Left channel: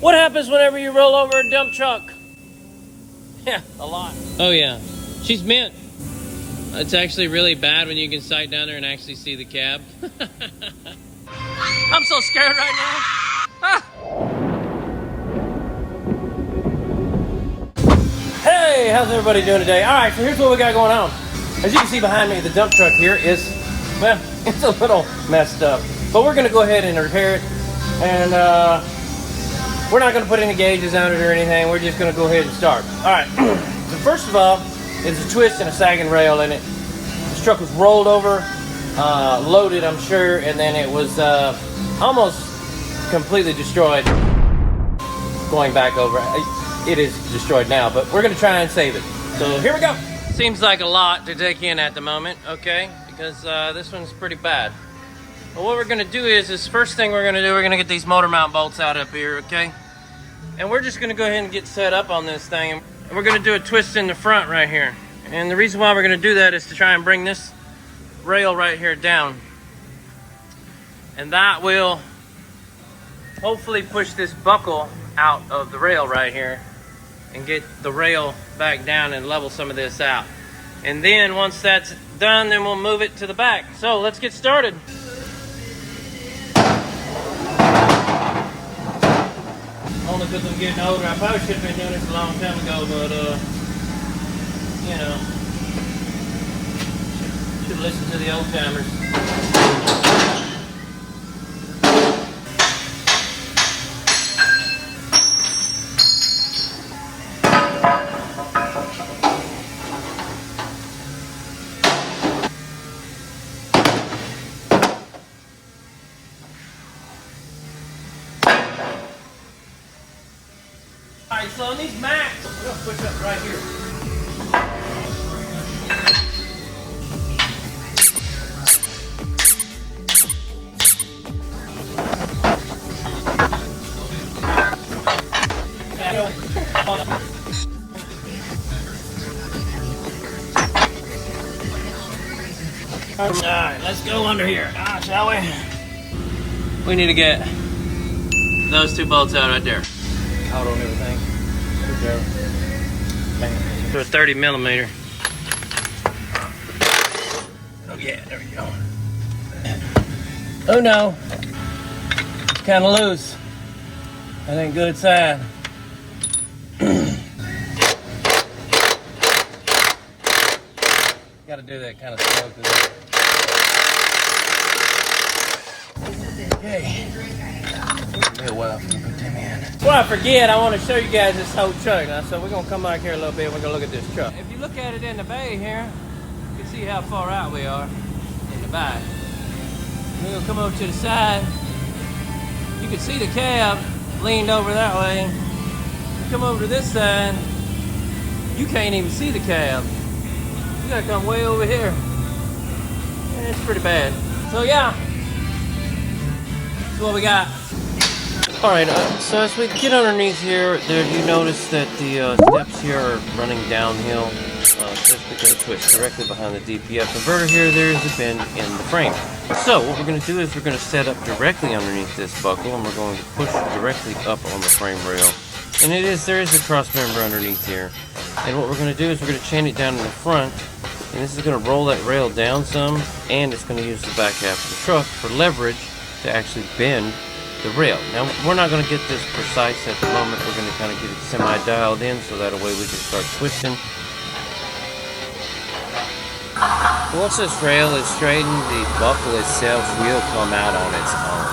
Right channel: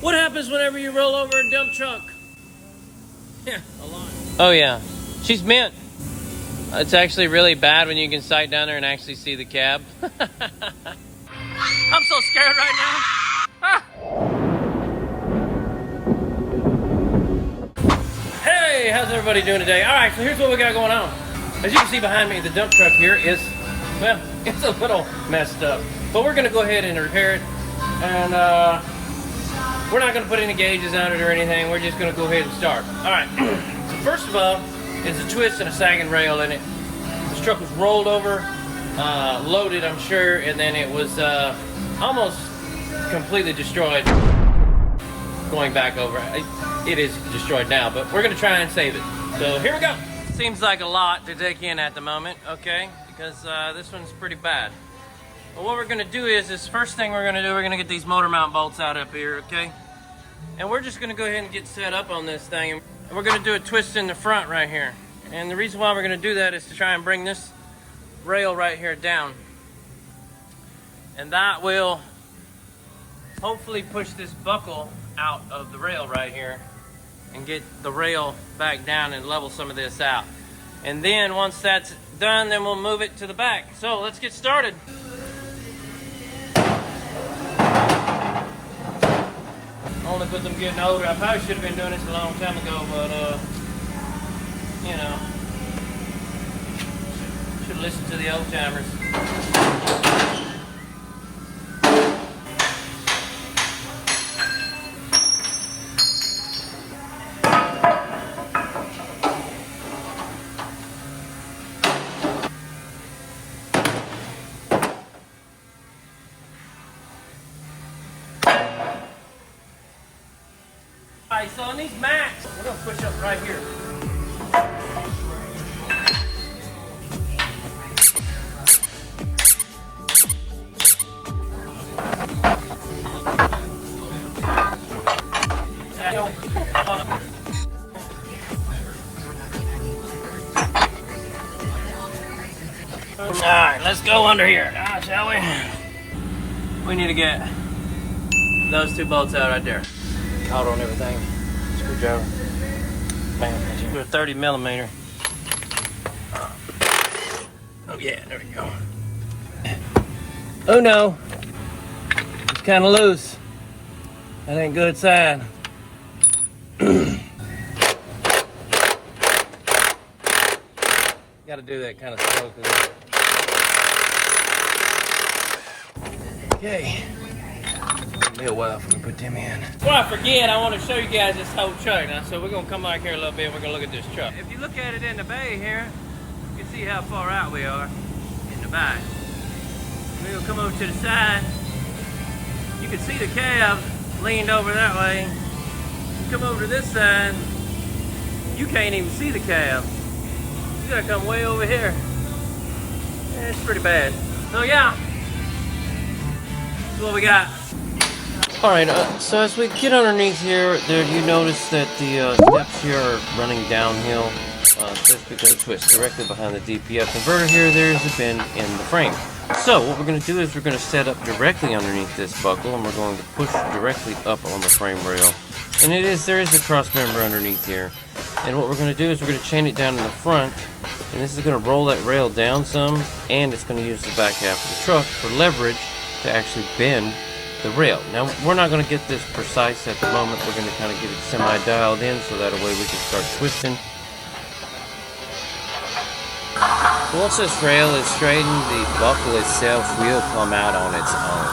What happens whenever you roll over a dump truck? Yeah, a lot. Oh yeah, she's mint. It's actually really bad when you can sight down there and actually see the cab. I'm so scared right now. Ah. Hey, how's everybody doing today? All right, so here's what we got going on. As you can see behind me, the dump truck here is, well, it's a little messed up. But we're gonna go ahead and repair it. And we're not gonna put any gauges on it or anything. We're just gonna go ahead and start. All right, so first of all, is a twist and a sagging rail in it. This truck was rolled over, loaded, I'm sure, and then it was almost completely destroyed going back over. It is destroyed now, but we're gonna try and save it. So here we go. Seems like a lot to take in at the moment, okay? Because this one's pretty bad. But what we're gonna do is first thing we're gonna get these motor mount bolts out up here, okay? And we're just gonna go ahead and get set up on this thing. And we're gonna do a twist in the front right here. And the reason why we're gonna do that is to try and bring this rail right here down. And that will hopefully push this buckle out of the rail right here and get the rail back down and level some of this out. And then once that's done, then we'll move it to the back. So let's get started. Only with them getting older, I probably should have been doing this a long time ago, but you know, should listen to the old timers. Alright, so on these mats, we're gonna push up right here. Alright, let's go under here, shall we? We need to get those two bolts out right there. Caught on everything. Screwdriver. Man, do a 30 millimeter. Oh yeah, there we go. Oh no, it's kind of loose. That ain't good sign. Got to do that kind of stuff. Okay. Yeah, well, put them in. Before I forget, I want to show you guys this whole truck. Now, so we're going to come back here a little bit and we're going to look at this truck. If you look at it in the bay here, you can see how far out we are in the back. We're going to come over to the side. You can see the cab leaned over that way. You come over to this side, you can't even see the cab. You got to come way over here. Yeah, it's pretty bad. So yeah, that's what we got. Alright, so as we get underneath here, you notice that the steps here are running downhill. Just because of twist directly behind the DPF converter here, there's a bend in the frame. So what we're going to do is we're going to set up directly underneath this buckle, and we're going to push directly up on the frame rail. And there is a cross member underneath here. And what we're going to do is we're going to chain it down in the front, and this is going to roll that rail down some, and it's going to use the back half of the truck for leverage to actually bend the rail. Now, we're not going to get this precise at the moment. We're going to kind of get it semi-dialed in so that way we can start twisting. Once this rail is straightened, the buckle itself will come out on its own.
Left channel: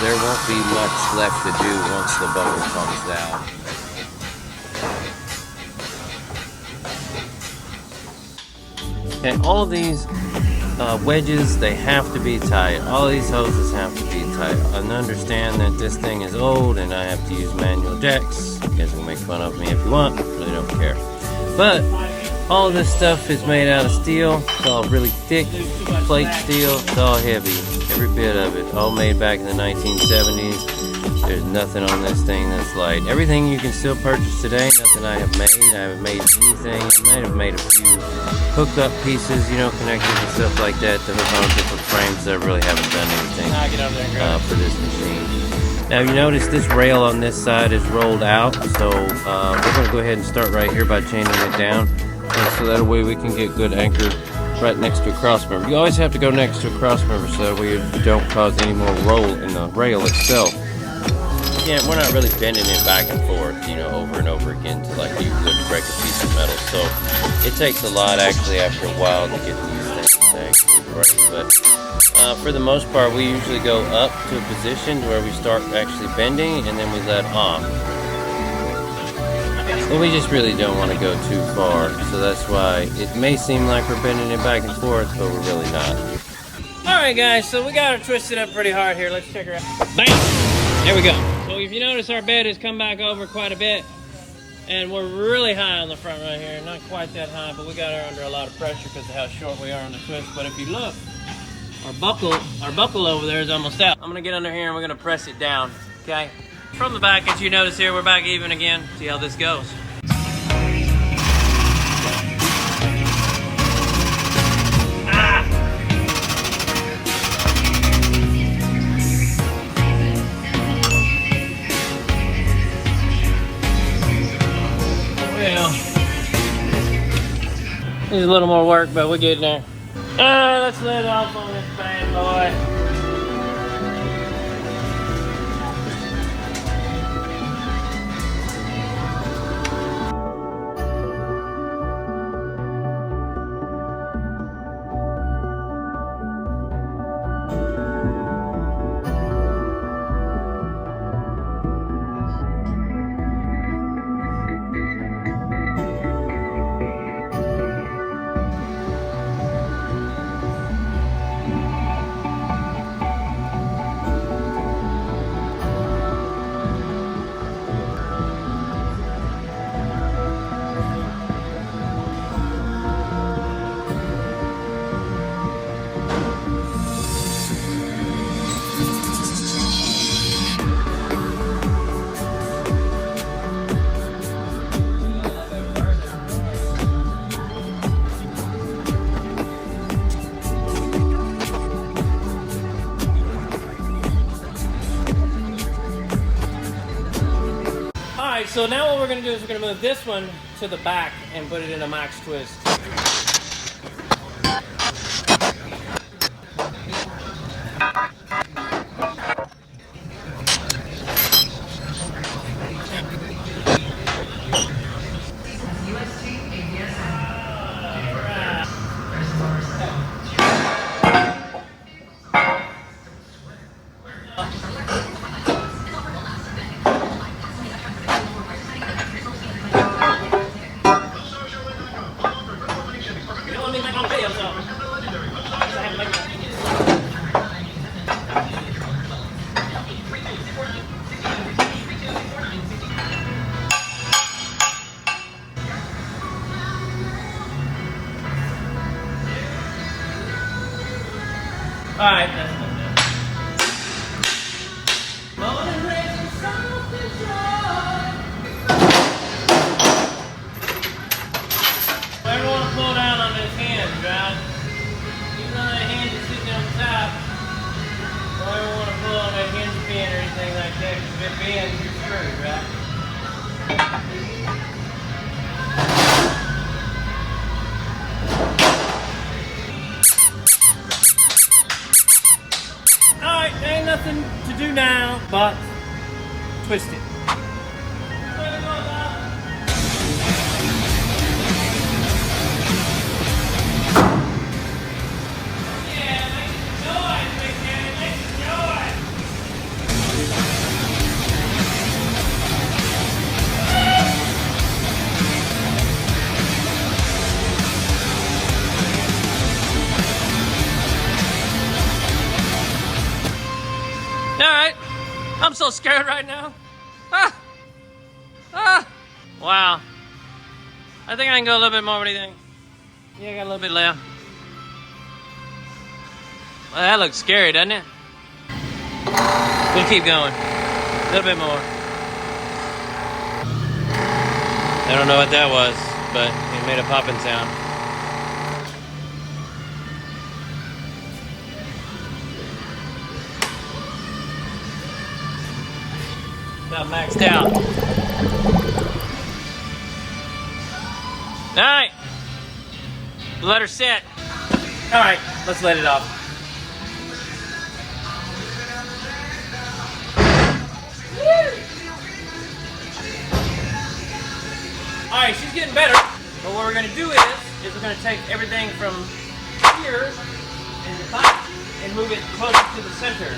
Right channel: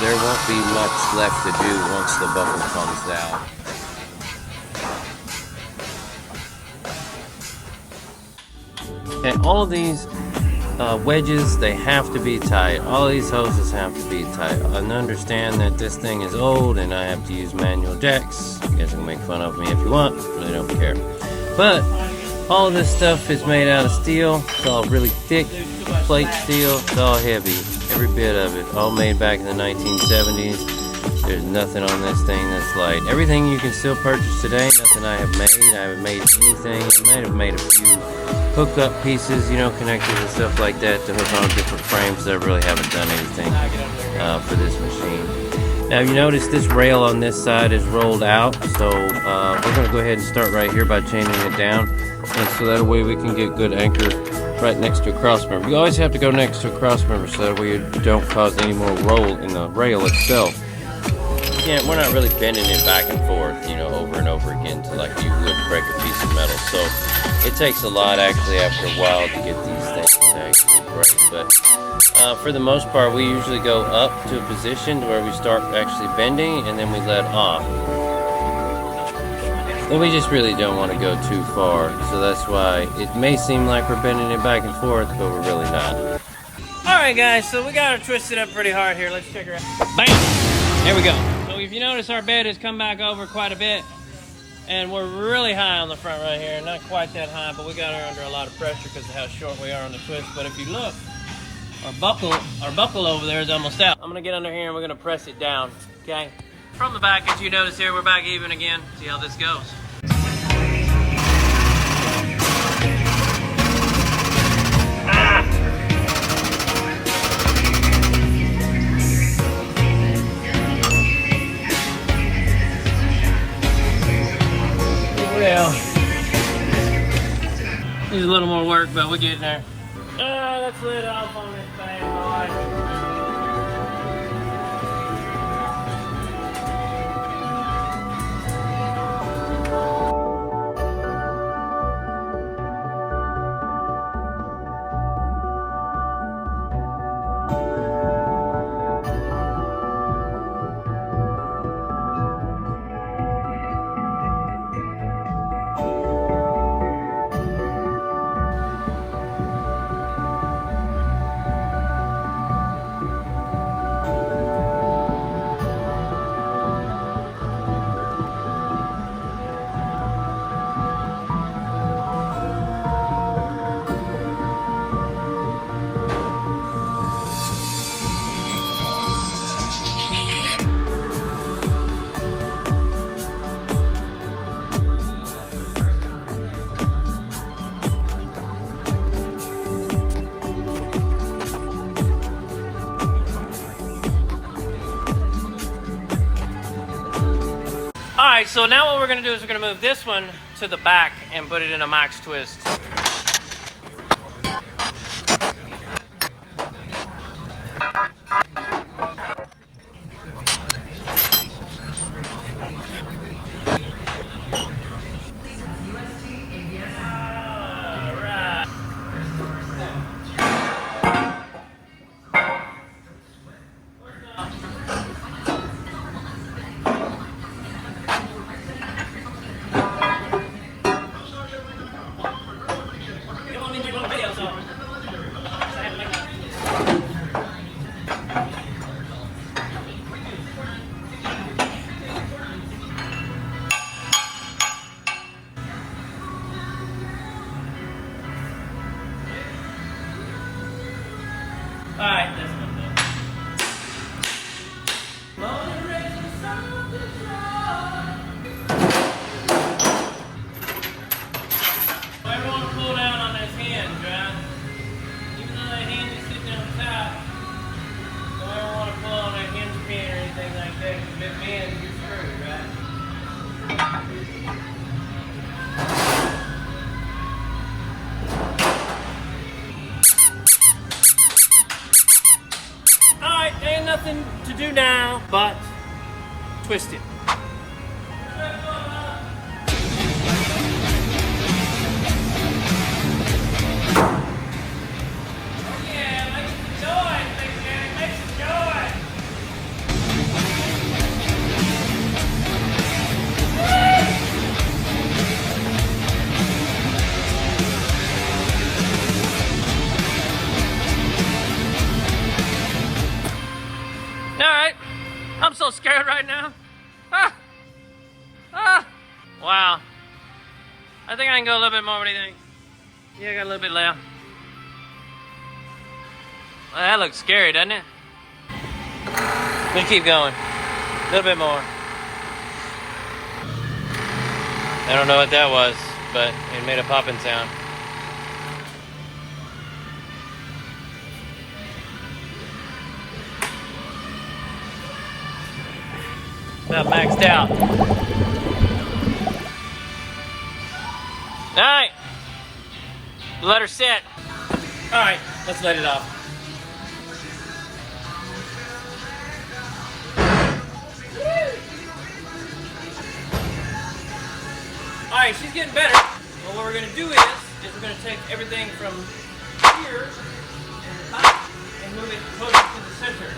There won't be much left to do once the buckle comes out. And all of these wedges, they have to be tight. All these hoses have to be tight. And understand that this thing is old and I have to use manual jacks. You guys can make fun of me if you want, really don't care. But all of this stuff is made out of steel. It's all really thick plate steel. It's all heavy, every bit of it. All made back in the 1970s. There's nothing on this thing that's light. Everything you can still purchase today, nothing I have made. I haven't made anything. I might have made a few hook-up pieces, you know, connectors and stuff like that to hook on different frames. I really haven't done anything for this machine. Now you notice this rail on this side is rolled out, so we're going to go ahead and start right here by chaining it down, and so that way we can get good anchor right next to a cross member. You always have to go next to a cross member so that way you don't cause any more roll in the rail itself. Again, we're not really bending it back and forth, you know, over and over again to like you would break a piece of metal. So it takes a lot actually after a while to get these things to actually break. But for the most part, we usually go up to a position where we start actually bending and then we let off. And we just really don't want to go too far. So that's why it may seem like we're bending it back and forth, but we're really not. All right, guys, so we got her twisted up pretty hard here. Let's check her out. Bam! There we go. So if you notice, our bed has come back over quite a bit, and we're really high on the front right here. Not quite that high, but we got her under a lot of pressure because of how short we are on the twist. But if you look, our buckle over there is almost out. I'm gonna get under here and we're gonna press it down, okay? From the back, as you notice here, we're back even again. See how this goes. There's a little more work, but we're getting there. Alright, let's let off on this bad boy. Alright, so now what we're going to do is we're going to move this one to the back and put it in a max twist. Alright, that's enough now. Never want to pull down on this hinge, right? Even though that hinge is sitting on top, don't ever want to pull on that hinge pin or anything like that, because if it bends, you're screwed, right? Alright, there ain't nothing to do now but twist it. Alright, I'm so scared right now. Wow. I think I can go a little bit more. What do you think? Yeah, I got a little bit left. Well, that looks scary, doesn't it? We'll keep going. A little bit more. I don't know what that was, but it made a popping sound. About maxed out. All right, let her set. All right, let's let it off. All right, she's getting better. But what we're gonna do is we're gonna take everything from here in the top and move it closer to the center.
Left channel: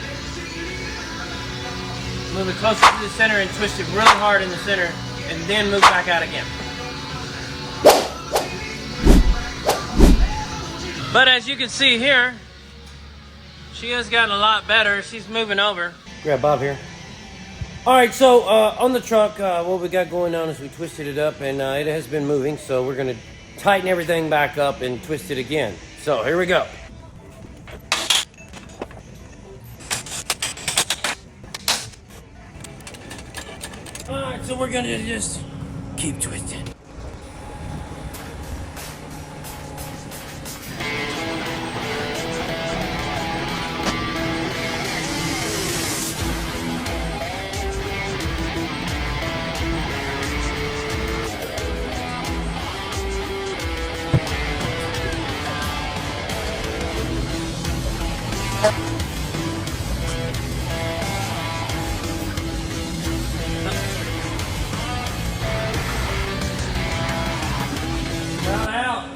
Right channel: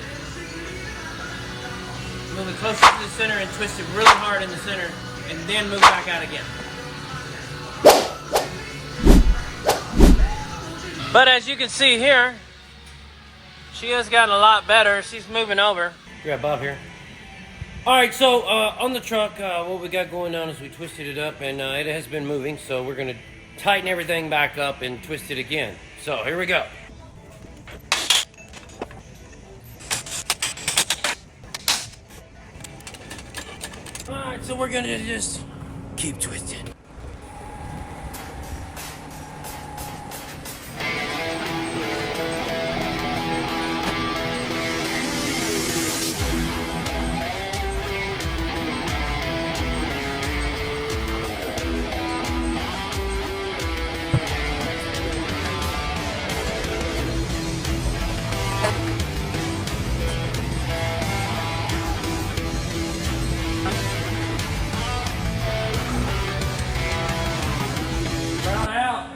Move it closer to the center and twist it really hard in the center, and then move back out again. But as you can see here, she has gotten a lot better. She's moving over. Yeah, Bob here. All right, so on the truck, what we got going on is we twisted it up, and it has been moving, so we're gonna tighten everything back up and twist it again. So here we go. All right, so we're gonna just keep twisting. Round out.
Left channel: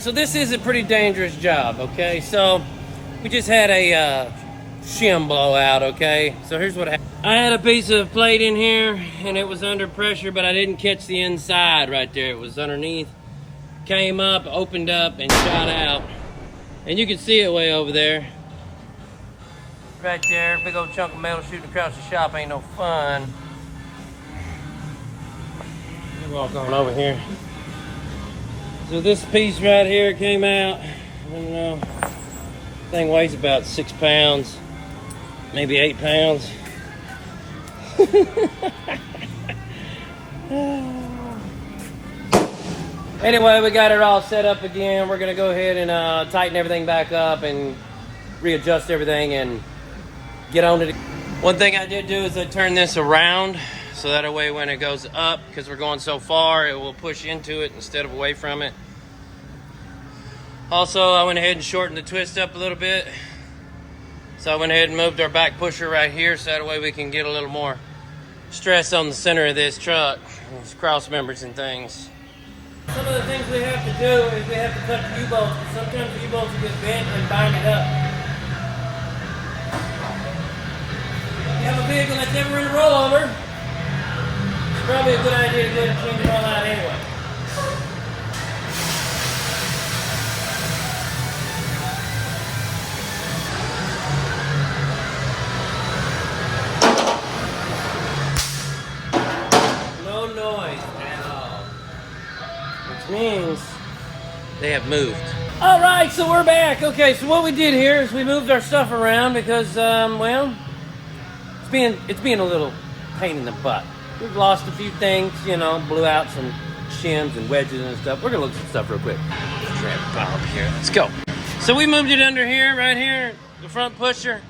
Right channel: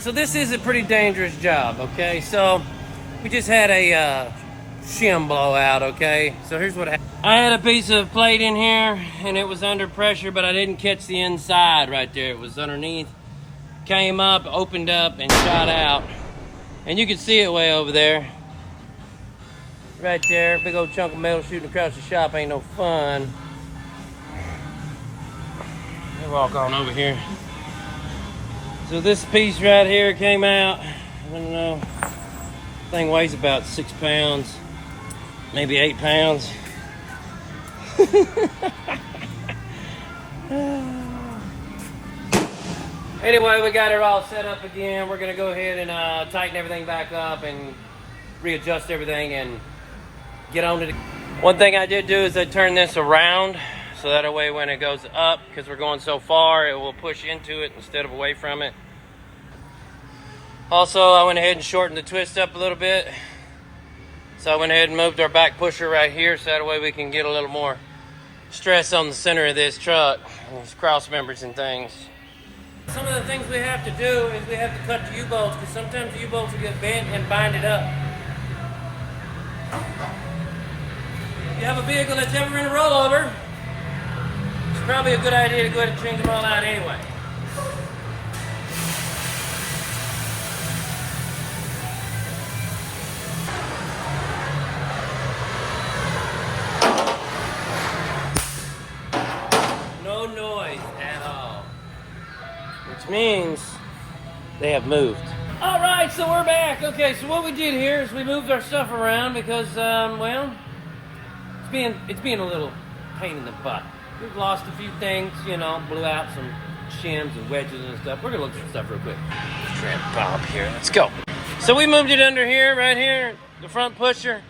So this is a pretty dangerous job, okay? So we just had a shim blowout, okay? So here's what happened. I had a piece of plate in here and it was under pressure, but I didn't catch the inside right there. It was underneath, came up, opened up, and shot out. And you can see it way over there. Right there, big old chunk of metal shooting across the shop ain't no fun. Let me walk on over here. So this piece right here came out. I don't know. Thing weighs about 6 pounds, maybe 8 pounds. Anyway, we got it all set up again. We're gonna go ahead and tighten everything back up and readjust everything and get on to it. One thing I did do is I turned this around so that way when it goes up, because we're going so far, it will push into it instead of away from it. Also, I went ahead and shortened the twist up a little bit. So I went ahead and moved our back pusher right here so that way we can get a little more stress on the center of this truck, these cross members and things. Some of the things we have to do is we have to cut the U-bolts, because sometimes the U-bolts will get bent and bind it up. If you have a vehicle that's ever in a rollover, it's probably a good idea to go ahead and change them all out anyway. No noise at all, which means they have moved. All right, so we're back. Okay, so what we did here is we moved our stuff around because, well, it's being a little pain in the butt. We've lost a few things, you know, blew out some shims and wedges and stuff. We're gonna look at some stuff real quick. Let's grab Bob here. Let's go. So we moved it under here, right here, the front pusher,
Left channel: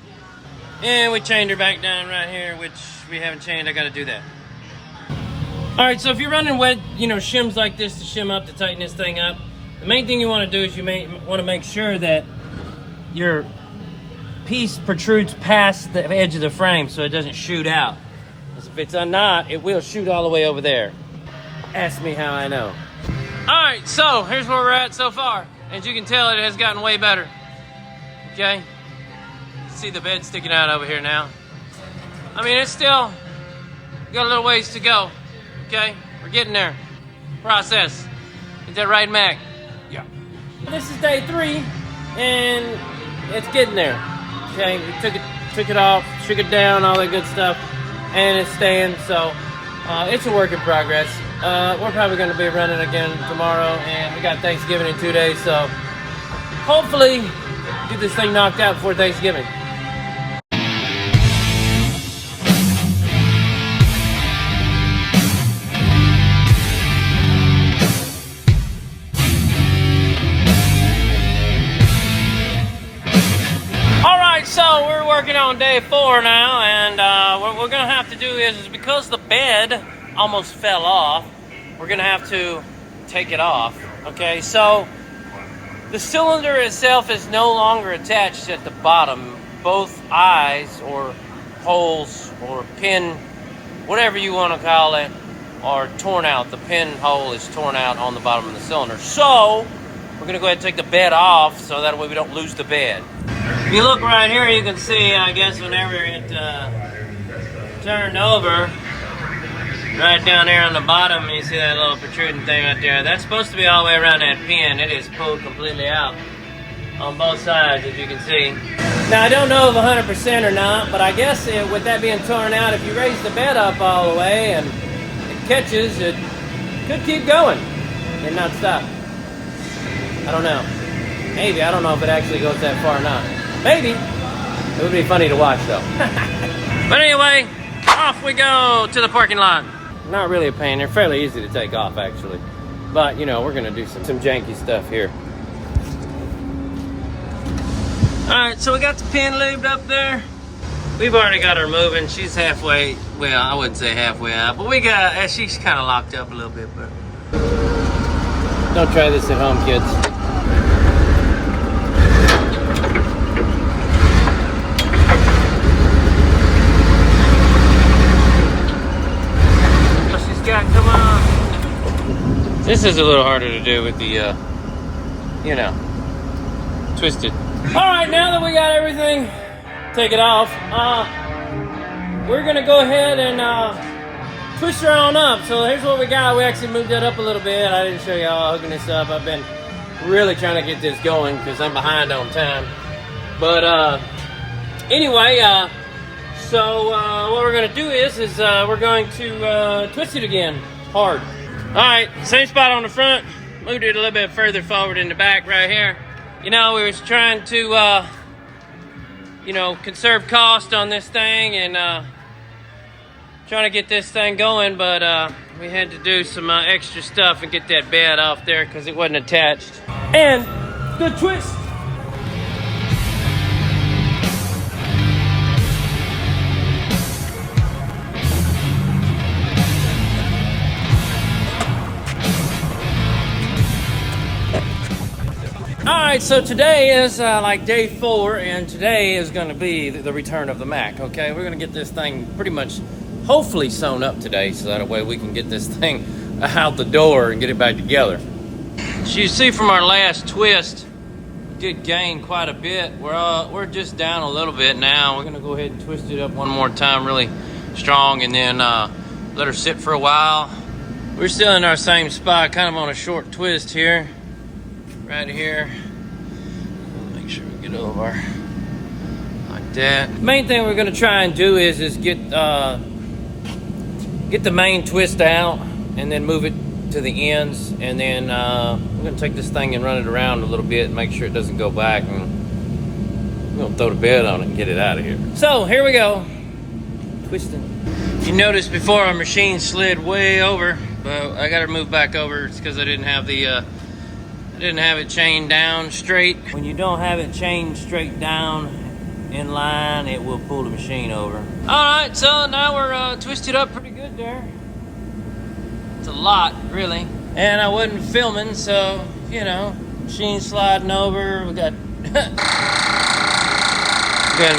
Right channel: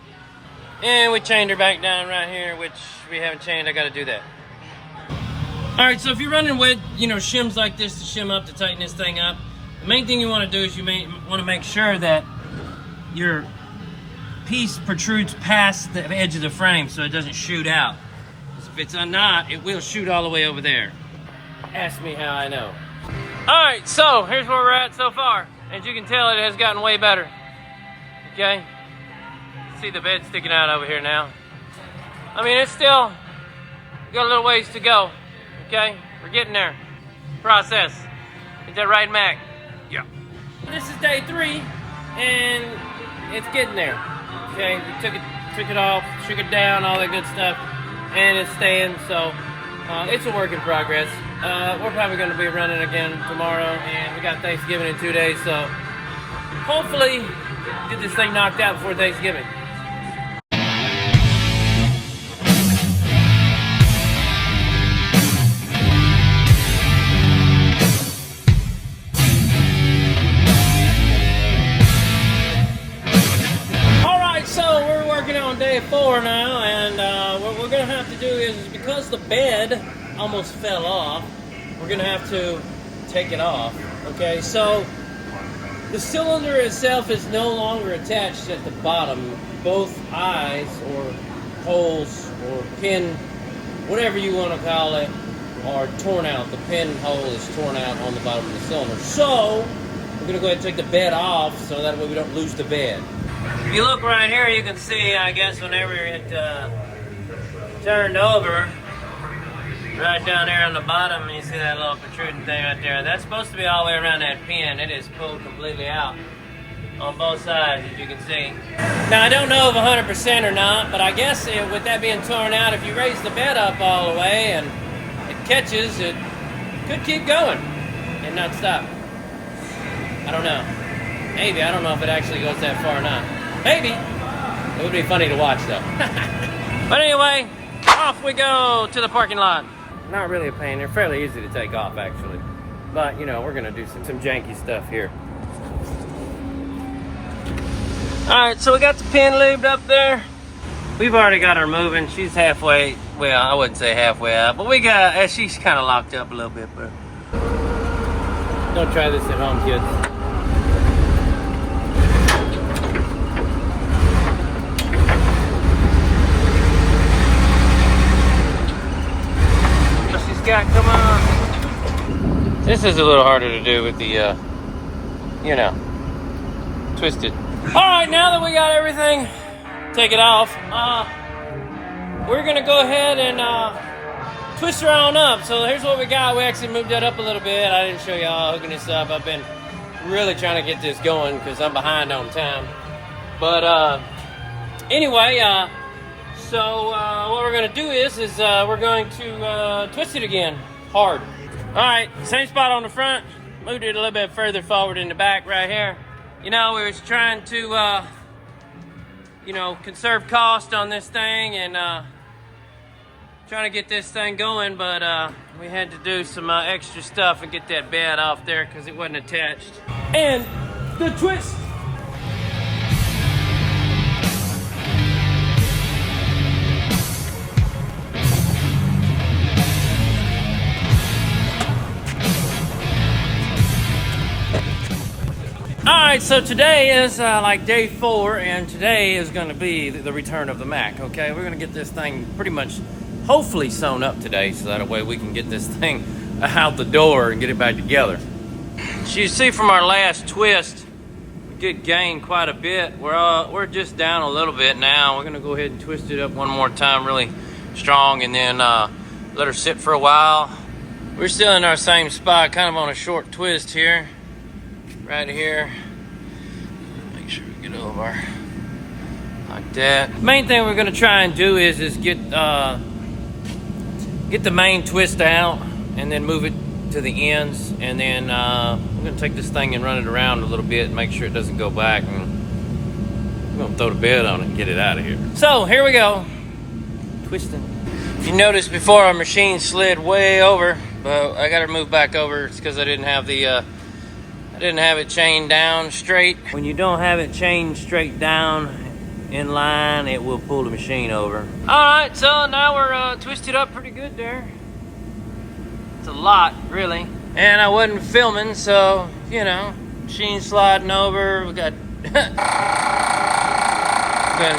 and we chained her back down right here, which we haven't chained. I got to do that. All right, so if you're running shims like this to shim up to tighten this thing up, the main thing you want to do is you want to make sure that your piece protrudes past the edge of the frame so it doesn't shoot out. Because if it's not, it will shoot all the way over there. Ask me how I know. All right, so here's where we're at so far. As you can tell, it has gotten way better. Okay? See the bed sticking out over here now. I mean, it's still got a little ways to go. Okay? We're getting there. Process. Is that right, Mac? Yeah. This is day 3, and it's getting there. Okay, we took it off, shook it down, all that good stuff, and it's staying. So It's a work in progress. We're probably going to be running again tomorrow, and we got Thanksgiving in 2 days, so hopefully get this thing knocked out before Thanksgiving. So we're working on day 4 now, and what we're gonna have to do is because the bed almost fell off, we're gonna have to take it off. Okay, so the cylinder itself is no longer attached at the bottom. Both eyes or holes or pin, whatever you want to call it, are torn out. The pinhole is torn out on the bottom of the cylinder. So we're gonna go ahead and take the bed off so that way we don't lose the bed. If you look right here, you can see, I guess, whenever it turned over, right down there on the bottom, you see that little protruding thing right there. That's supposed to be all the way around that pin. It is pulled completely out on both sides, as you can see. Now, I don't know if 100% or not, but I guess with that being torn out, if you raise the bed up all the way and it catches, it could keep going and not stop. I don't know. Maybe. I don't know if it actually goes that far or not. Maybe. It would be funny to watch, though. But anyway, off we go to the parking lot. Not really a pain. They're fairly easy to take off, actually. But, you know, we're going to do some janky stuff here. Alright, so we got the pin lubed up there. We've already got her moving. She's halfway, well, I wouldn't say halfway out, but we got, she's kind of locked up a little bit. But don't try this at home, kids. Come on. This is a little harder to do with the, you know, twisted. All right, now that we got everything, take it off. We're gonna go ahead and twist her on up. So here's what we got. We actually moved that up a little bit. I didn't show y'all hooking this up. I've been really trying to get this going because I'm behind on time. But anyway, so what we're going to do is we're going to twist it again, hard. All right, same spot on the front. Moved it a little bit further forward in the back right here. You know, we was trying to, you know, conserve cost on this thing and trying to get this thing going, but we had to do some extra stuff and get that bed off there because it wasn't attached. And the twist. Alright, so today is like day 4, and today is going to be the return of the Mack, okay? We're going to get this thing pretty much, hopefully, sewn up today, so that way we can get this thing out the door and get it back together. As you see from our last twist, we did gain quite a bit. We're just down a little bit now. We're going to go ahead and twist it up one more time really strong, and then let her sit for a while. We're still in our same spot, kind of on a short twist here. Right here. Make sure we get over like that. Main thing we're gonna try and do is get the main twist out and then move it to the ends, and then we're gonna take this thing and run it around a little bit and make sure it doesn't go back, and we're gonna throw the bed on it and get it out of here. So here we go, twisting. You noticed before our machine slid way over, but I got to move back over because I didn't have the didn't have it chained down straight. When you don't have it chained straight down in line, it will pull the machine over. All right, so now we're twisted up pretty good there. It's a lot, really. And I wasn't filming, so, you know, machine sliding over. We got, gonna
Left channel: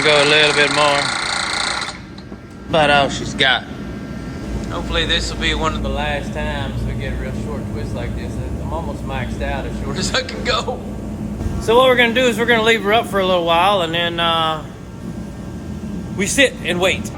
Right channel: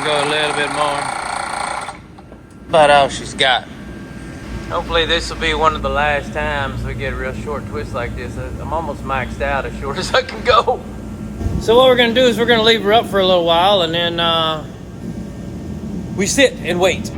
go a little bit more. But all she's got. Hopefully this will be one of the last times we get a real short twist like this. I'm almost maxed out as short as I can go. So what we're gonna do is we're gonna leave her up for a little while, and then we sit and wait.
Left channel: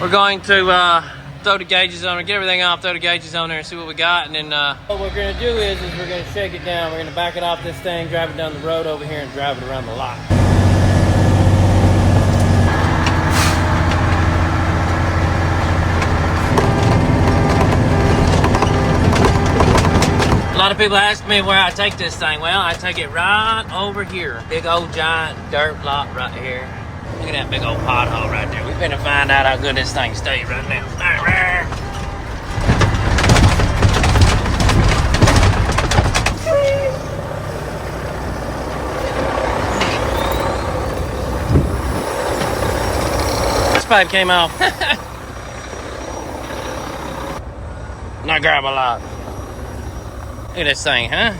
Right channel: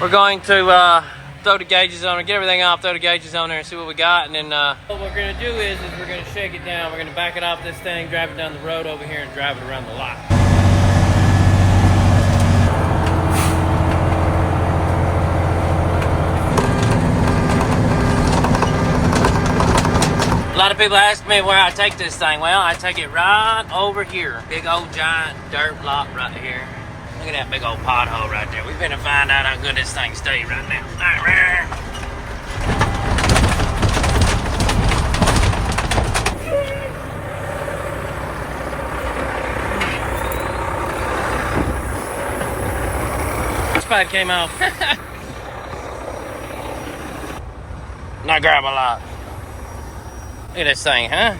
We're going to throw the gauges on her, get everything off, throw the gauges on there and see what we got, and then what we're gonna do is we're gonna shake it down. We're gonna back it off this thing, drive it down the road over here, and drive it around the lot. lot of people ask me where I take this thing. Well, I take it right over here. Big old giant dirt lot right here. Look at that big old pothole right there. We're gonna find out how good this thing stays right now. This pipe came off. Not grab a lot. Look at this thing, huh?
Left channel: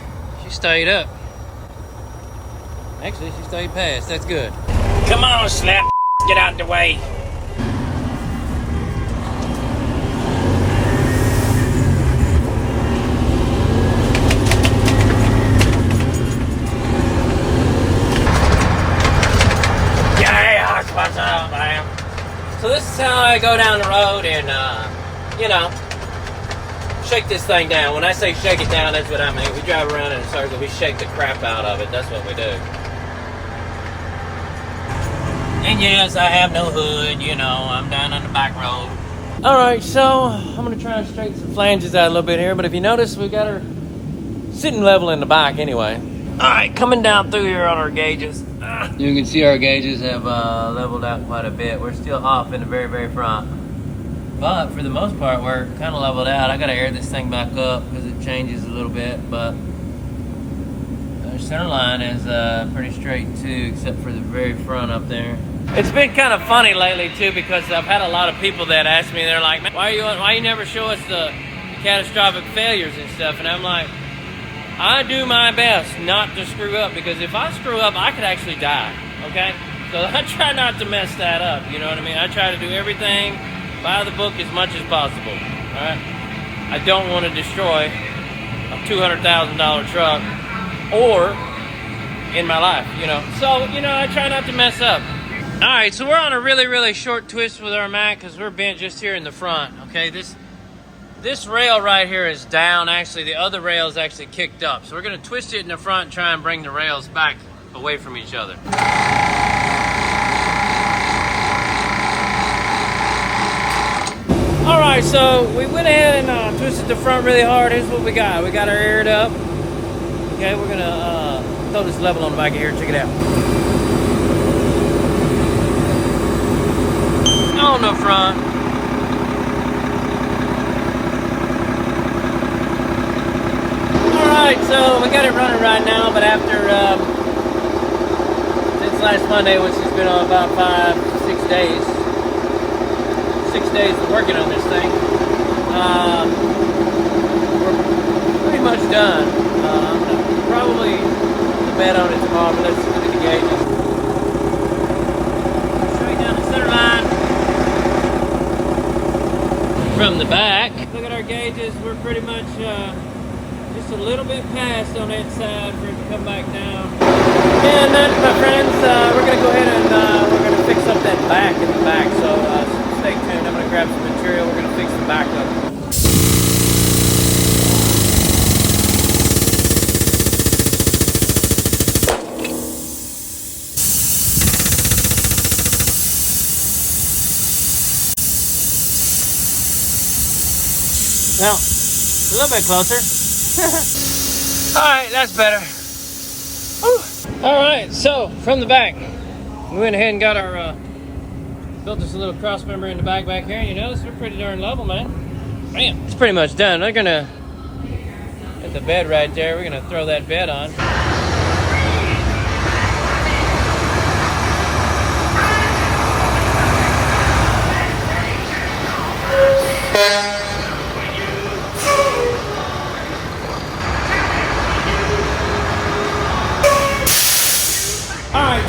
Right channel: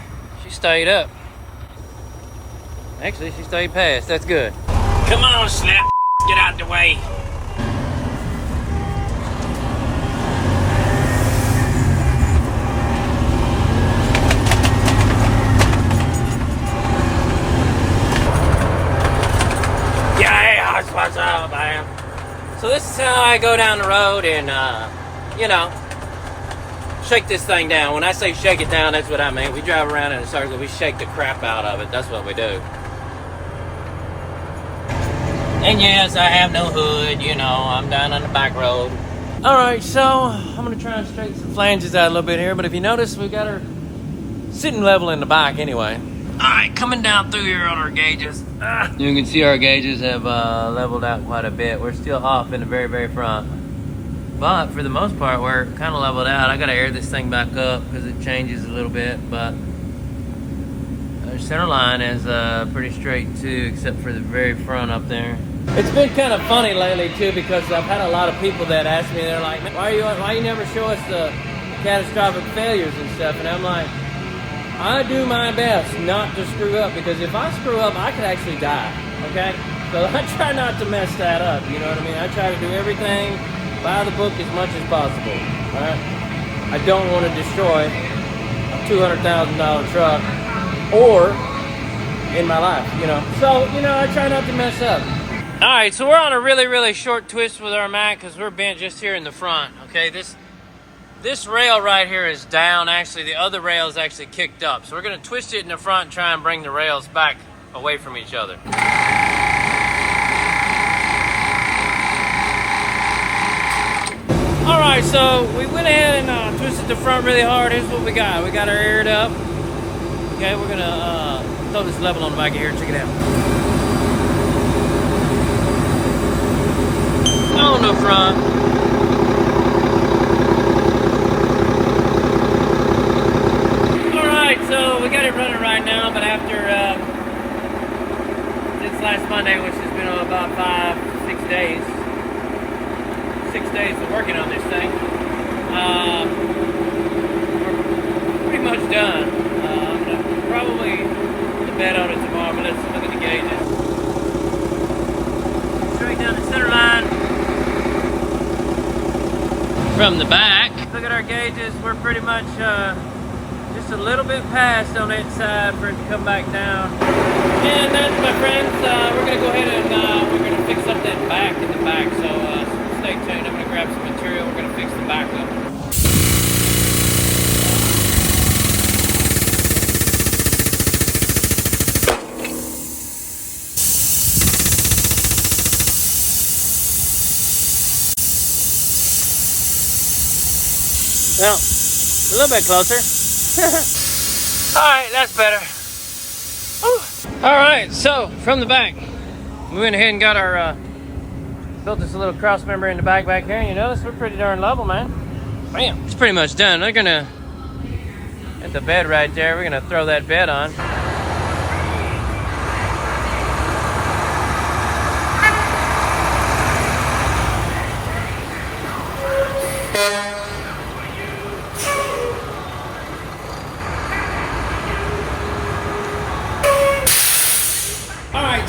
She stayed up. Actually, she stayed past. That's good. Come on, Snap. Get out the way. Yeah, that's what's up, man. So this is how I go down the road and, you know, shake this thing down. When I say shake it down, that's what I mean. We drive around in a circle. We shake the crap out of it. That's what we do. And yes, I have no hood. You know, I'm down on the back road. All right, so I'm going to try and straighten some flanges out a little bit here. But if you notice, we got her sitting level in the back anyway. All right, coming down through here on our gauges. You can see our gauges have leveled out quite a bit. We're still off in the very, very front. But for the most part, we're kind of leveled out. I got to air this thing back up because it changes a little bit. But our center line is pretty straight too, except for the very front up there. It's been kind of funny lately too, because I've had a lot of people that ask me, they're like, man, why you never show us the catastrophic failures and stuff? And I'm like, I do my best not to screw up, because if I screw up, I could actually die, okay? So I try not to mess that up, you know what I mean? I try to do everything by the book as much as possible, all right? I don't want to destroy a $200,000 truck or in my life, you know? So, you know, I try not to mess up. All right, so we're on a really, really short twist with our Mack because we're bent just here in the front, okay? This rail right here is down. Actually, the other rail is actually kicked up. So we're gonna twist it in the front and try and bring the rails back away from each other. All right, so we went ahead and twisted the front really hard. Here's what we got. We got our aired up. Okay, we're gonna throw this level on the back of here. Check it out. On the front. Alright, so we got it running right now, but after since last Monday, which has been about 6 days, 6 days of working on this thing, we're pretty much done. I'm gonna probably put the bed on it tomorrow, but let's look at the gauges. Straight down the center line. From the back, look at our gauges. We're pretty much just a little bit past on that side for it to come back down. And that, my friends, we're going to go ahead and we're going to fix up that back in the back. So stay tuned. I'm going to grab some material. We're going to fix the back up. Well, a little bit closer. All right, that's better. Whew. All right, so from the back, we went ahead and got our, built this little cross member in the back here, and you notice we're pretty darn level, man. Bam, it's pretty much done. We're gonna, at the bed right there, we're gonna throw that bed on.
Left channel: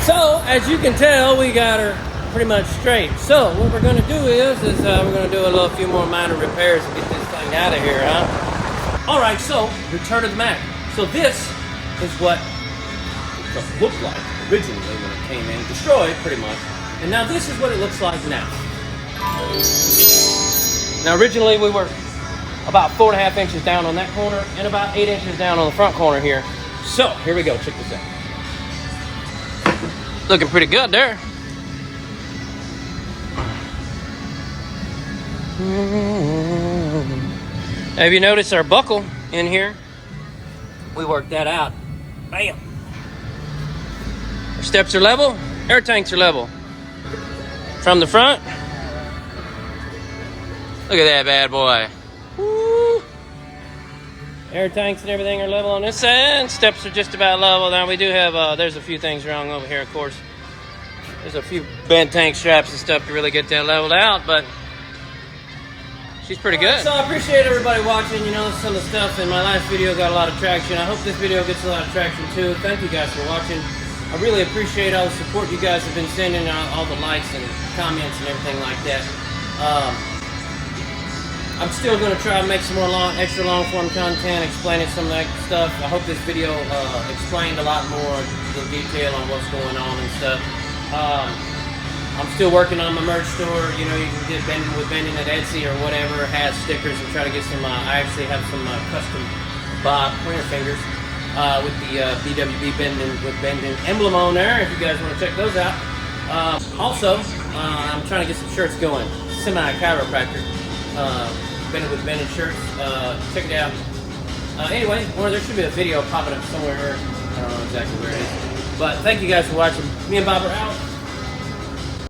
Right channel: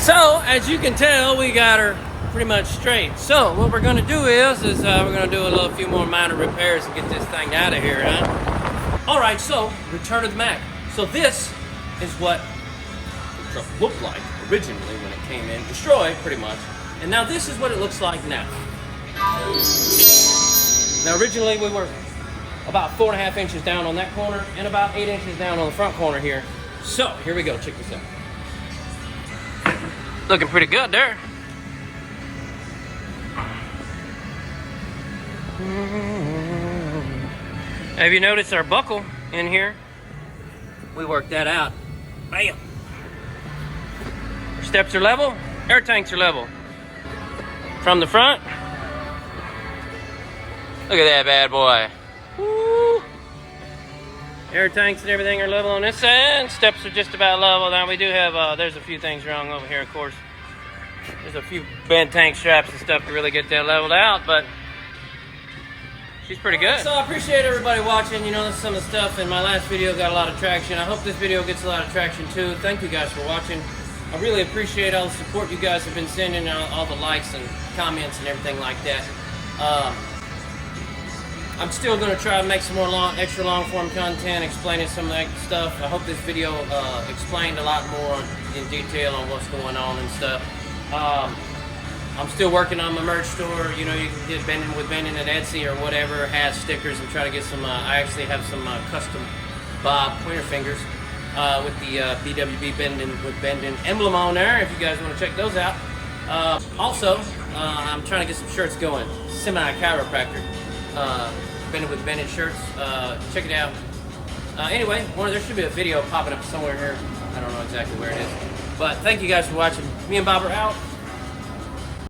So, as you can tell, we got her pretty much straight. So, what we're going to do is we're going to do a few more minor repairs and get this thing out of here, huh? All right, so, return of the Mack. So this is what the truck looked like originally when it came in, destroyed pretty much. And now this is what it looks like now. Now, originally we were about 4.5 inches down on that corner and about 8 inches down on the front corner here. So, here we go. Check this out. Looking pretty good there. Have you noticed our buckle in here we worked that out. Bam. Our steps are level, air tanks are level. From the front, look at that bad boy. Woo. Air tanks and everything are level on this end. Steps are just about level. Now we do have, there's a few things wrong over here, of course. There's a few bent tank straps and stuff to really get that leveled out, but she's pretty good. So I appreciate everybody watching. You know, some of the stuff in my last video got a lot of traction. I hope this video gets a lot of traction too. Thank you guys for watching. I really appreciate all the support you guys have been sending, all the likes and comments and everything like that. I'm still going to try and make some more extra long form content explaining some of that stuff. I hope this video explained a lot more in detail on what's going on and stuff. I'm still working on my merch store. You know, you can get Bending with Bending at Etsy or whatever. Has stickers and try to get some. I actually have some custom Bob pointer fingers with the BWB Bending with Bending emblem on there. If you guys want to check those out. Also, I'm trying to get some shirts going. Semi-chiropractor Bending with Bending shirts. Check it out. Anyway, there should be a video popping up somewhere here. I don't know exactly where it is. But thank you guys for watching. Me and Bob are out.